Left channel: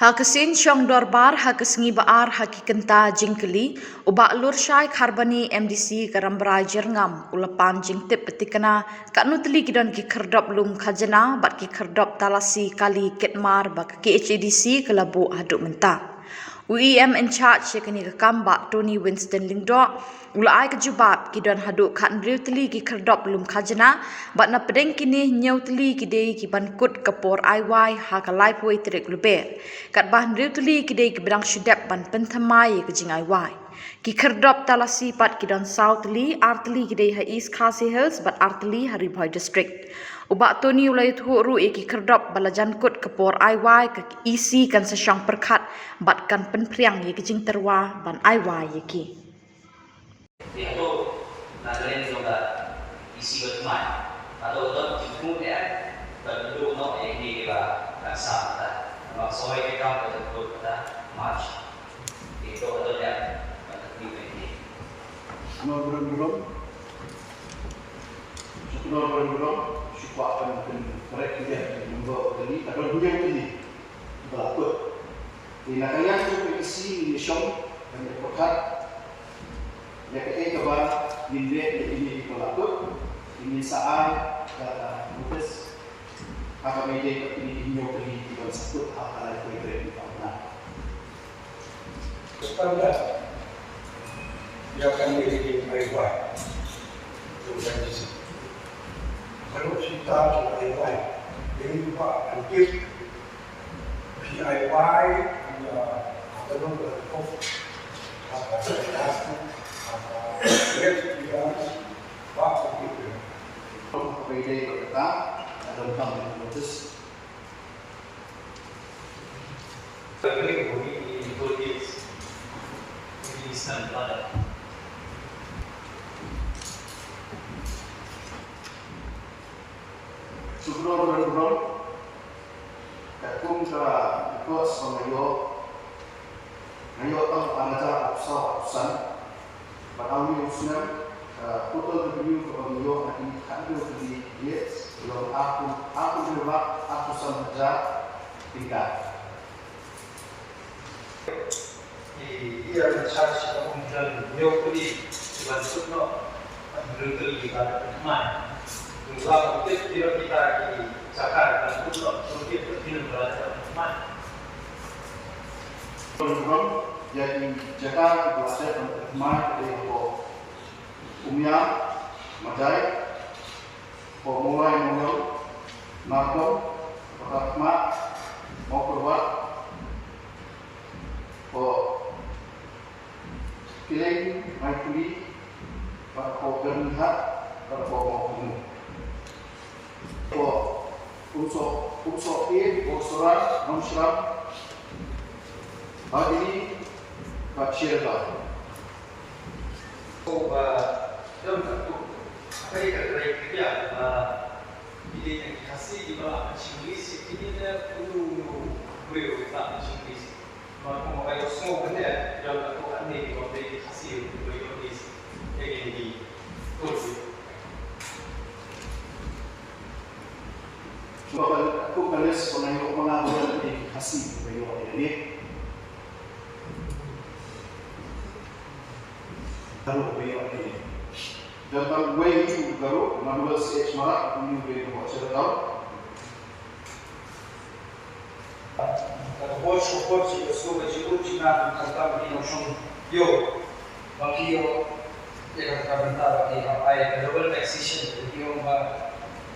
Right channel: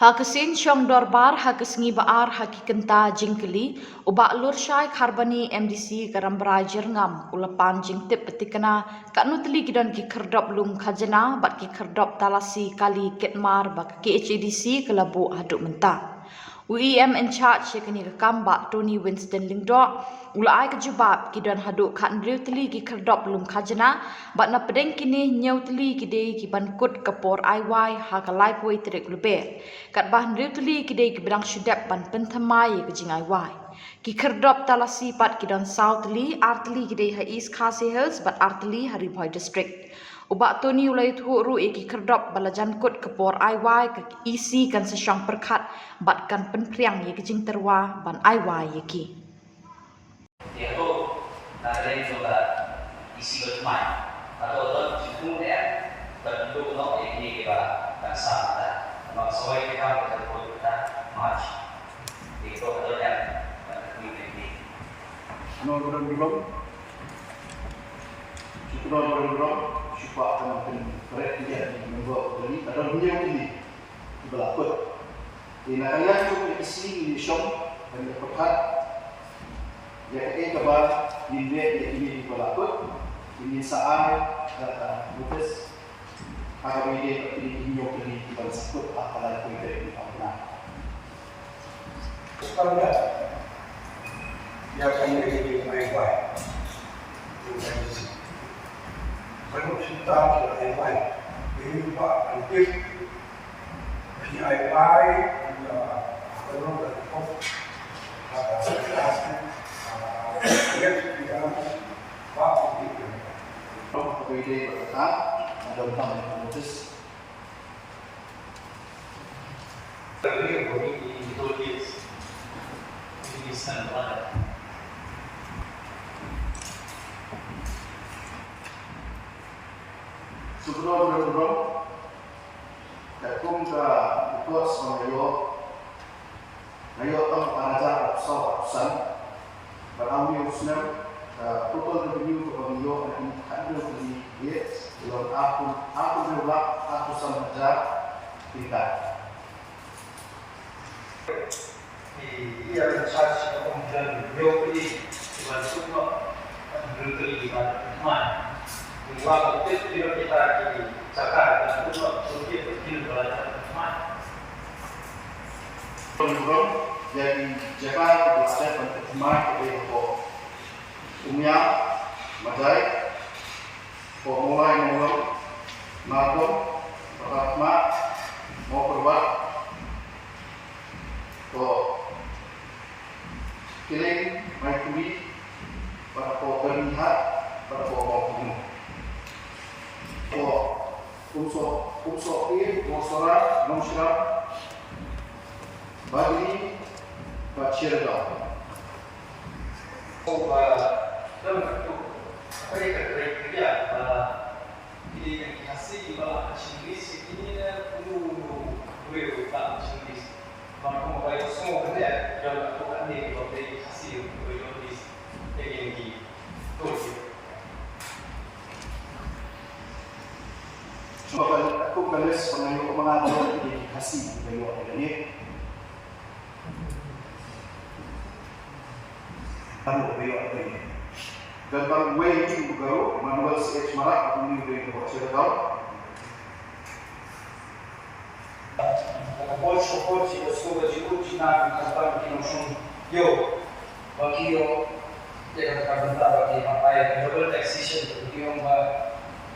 Hakasin syong dorbar hakasngi baar hakikenta jingkeli ubak lur syai kharbani MDC karambrai jerngam ulapan jingtip petikana kanutli kidon ki kerdop lum khajana bat ki kerdop talasi kali ketmar bak ki HADC kelabu haduk mentah. UEM in charge yakni kamba Tony Winston Lingdo ulai kejubab kidon haduk khat riutli ki kerdop lum khajana bat na pedeng kini nyautli kidei ki bankut kapor IY hakalai poi trik lube kat bah riutli kidei ki bedang syudap ban penthamai ke jing IY ki kerdop talasi pat kidon southli artli kidei ha East Khasi Hills bat artli Haribhoi district. Ubak Tony ulai thu ki kerdop balajan kut kapor IY ke isi kan sesyang perkat bat kan penpriang ye kejing terwa ban IY ye ki. Dia tu nak lain juga isi bermain atau jumlah dia tertentu nak ini kita dan sama mak soai kita betul kita match itu betulnya ini. Belum. Supaya mereka tidak membuat ini atau hujung ini berlaku. Di nakaya tu isi di shop banyak pekat. Ya kabar ini berlaku. Ini saat kata mutus agar media ini beli pada satu akalai kuitai di awal. Supaya dia akan menjadi baik-baik. Kalau kita baik-baik, ini juga hampir PIY akan berlaku. Pwede berkata ada utang dengan mutus. Ini itu di sana. Sebelum kakum cara ikut semengayo ngayo tang panajar absan berawi usnam total revenue ke pengayo akan handle di yes yon aku berubah ratusan hajar tingkat. Ia mencari kemudian beliau beli dengan semua beli dengan teman. Mengapa tidak kita di Jakarta dan untuk berpikir belajar teman. Program jadi Jakarta belajar tentang teman dari umumnya majai mulai makom pertama mau perbat killing mai kuli pada pokoknya pada pokoknya unsur ini unsur non-syarab bagi syarikat. Dalam bentuk kriteria identifikasi ibarat Inggris ini perlu kita Inggris. Maka mereka semua benda dalam bentuk ini identifikasi Inggris yang ditulis. Sebab aku balas pengayo mengatur identifikasi bayo ini. Baru bayo ini. Dalam way itu baru manual stage marak aku ini bayo buat cerita. Больше хочется освободить на константину шум йо. Бакио я как комментарий apa global taxation beliau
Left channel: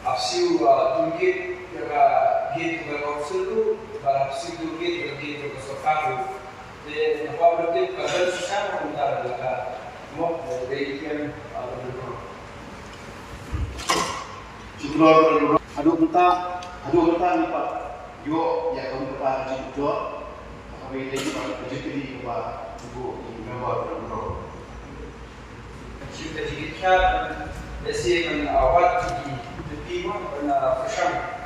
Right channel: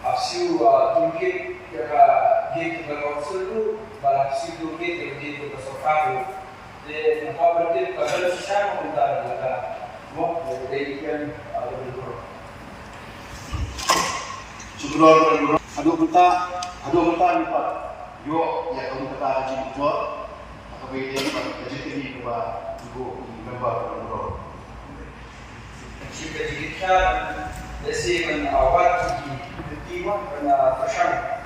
Apsiu tunggit yang gitu ke konsul tu, apsiu tunggit yang gitu ke sofaku. Jadi apa berarti kalau susah mentar mereka mau dari yang berikut. Syukur adu mentah lipat. Yo ya kau kata haji jual. Apa ini pada haji ini buat ibu member berbuat. Jika kita desi awal Iwan pernah bersama,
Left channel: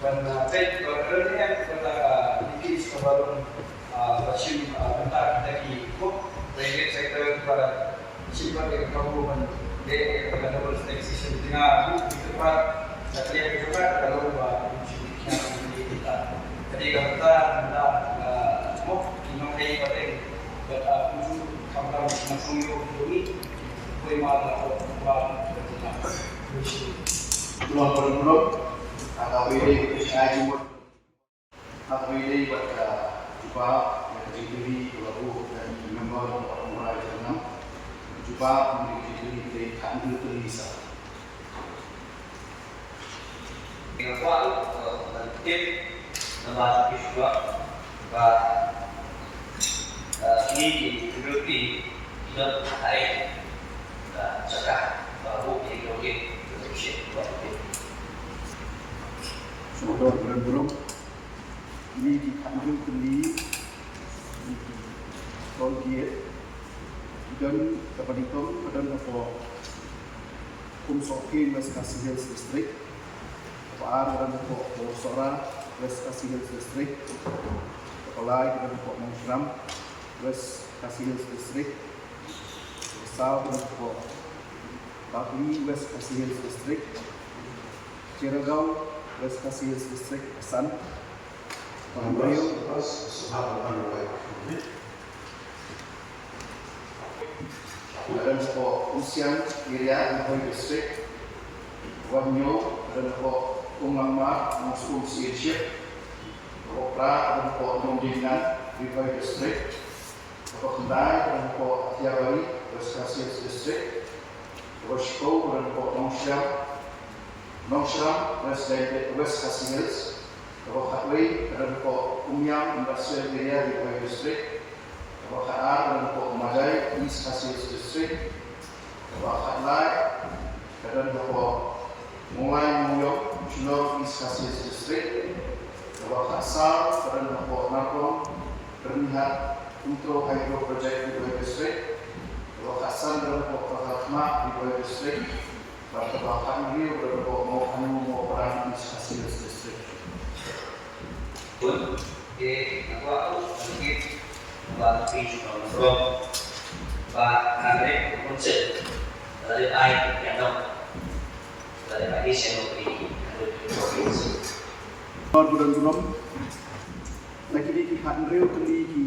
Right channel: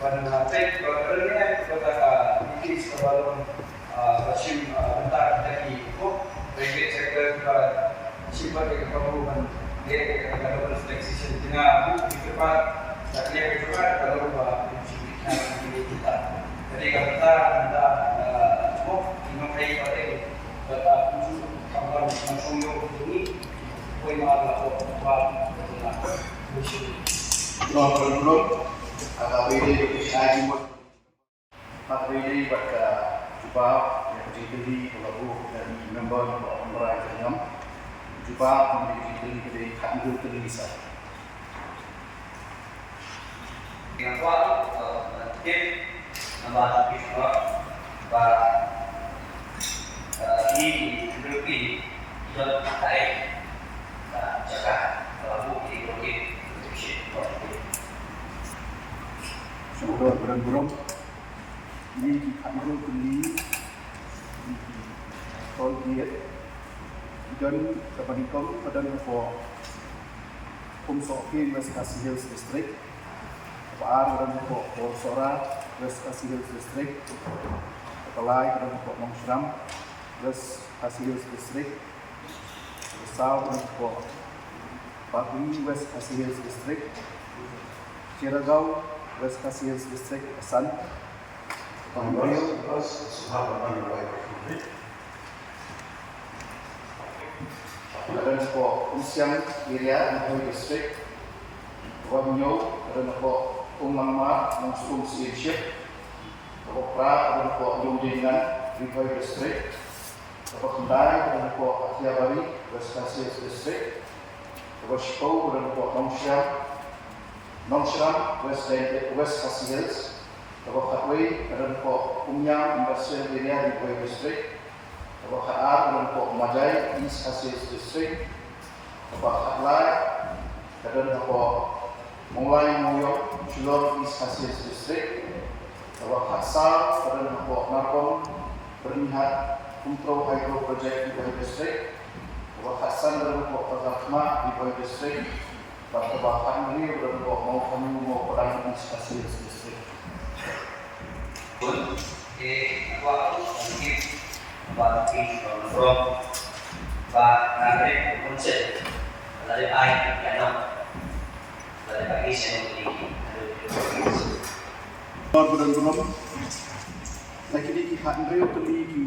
pernah tek kerana kita mungkin sebelum macam mentah lagi itu, lagi sektor kita simpan di kampung dari global taxation di depan, tapi yang kedua kalau macam kita, jadi kita Wakio ini, kue malam apa Belum agak beda saya jumpa agak beda buat jumpa yang kejadian lagu dari member orang Merayu Jengam jumpa kejadian dari Kandu Terlisa. Dengan kuat, mungkin membahas juga bahwa ini diduduki dalam tarik cakap lagu di proyek Saudara burung ini di Kandu Terli di Tol Gate dan kepadikam pada apa Sokin West Khasi Hills District Paar dan apa Borsora West Khasi Hills District Kapalai dan apa Nongshram West Khasi Hills District Besau dan apa Bagli West Khasi Hills District Ciragau West Khasi Hills District Pesan Pahimrio dan apa Usiang Area Hoi District Wanyo dan apa Unglangma Nongskung Siirship apa Pra dan apa Longjengan Rivai District apa Kendai dan apa Atiabari West Khasi Hills District apa Shipau dan apa Nongshram West Khasi Hills apa Khatway dan apa Umyang Industrial Area Rivai District apa Khaar dan apa Majai East Khasi Hills District apa Khatlai dan apa Mulai Moyok Shillong East Khasi Hills District apa Khatsal dan apa Narkong Bernihat Untro Hydro Project Rivai District apa Khatsan dan apa Khatma Rivai District apa Khatmri dan apa Maukanu Mau Padang East Khasi Hills District. pun di aku mungkin bagi from nanti konsep dari air yang dari bagi saya di Bulan belum lagi di Khatmri kali di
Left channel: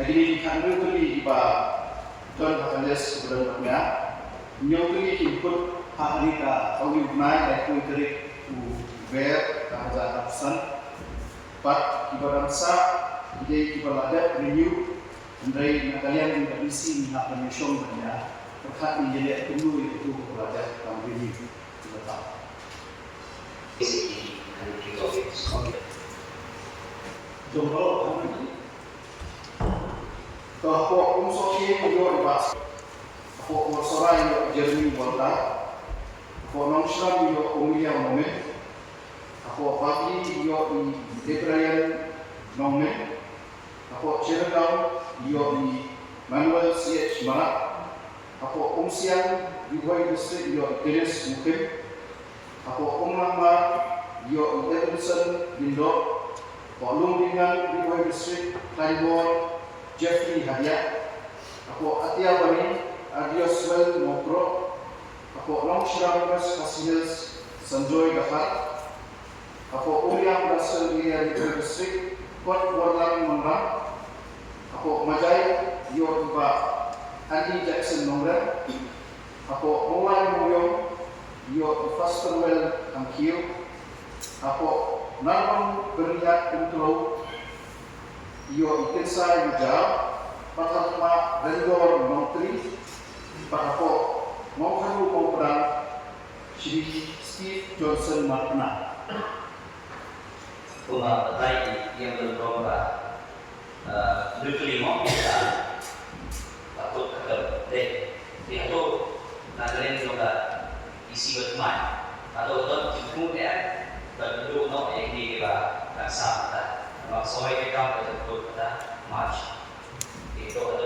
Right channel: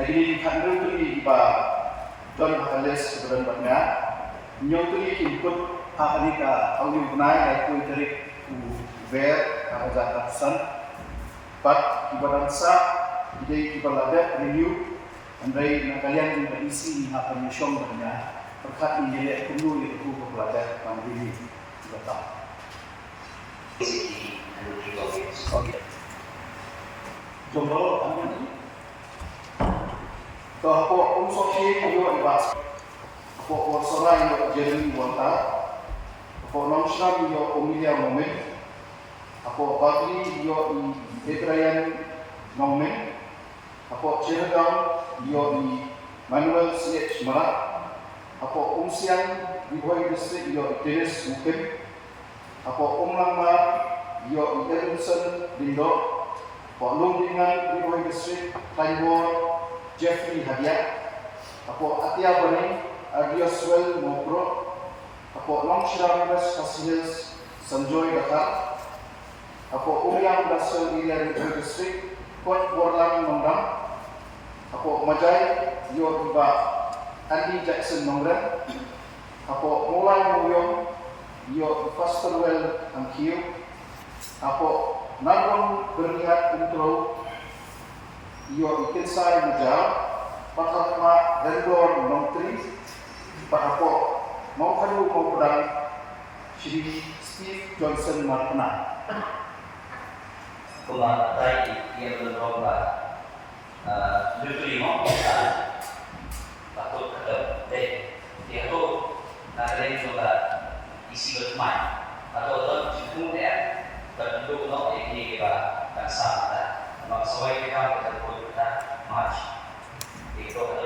lagi di Khatmri kali di John Hales sebenarnya nyong kali input hak ni ka audio bunai ai kui terik tu ver ka jatasan pat ibadan sa ide ibalada renew andai na kalian yang isi ni hak permission banyak perkat ni jadi perlu itu ku belajar dan ini betul. Okey. Contoh apa ni? Toh apa unsur ni yo ibas. Apa unsur yang jadi wanta Ako Nongshram yo Umilia Momen, ako Bagli yo ni Debrayan Momen, ako Ciragao yo ni Manuel C.H. Marak, ako Umsiang Rivai District yo Dennis Mukim, ako Umlangmar yo Edmondson Bindo, ako Lungdingan Rivai District Kleinborn Jeffrey Hadiah, ako Atiabani Adioswell Mokro, ako Nongshram West Khasi Hills Sanjoy Dakar, ako Umyang Industrial Area Rivai District Kot Borlang Nongrang, ako Majai yo iba Andy Jackson Nongrang, ako Mulai Muyong yo Fasterwell Angkio, ako Narbon Berniat Intro yo Ikinsai Mujal, Pathatma Rendor Nongtri, ako Mau kayu mau pedang Shri Steve Johnson Marpena. Kuma tadi yang berlomba nuklir mau kita patut ketemu dia tu nak lain juga isi bermain atau tu dia tertentu mau ini kita tak sama. Memang sesuai kita bertentu kita match. Itu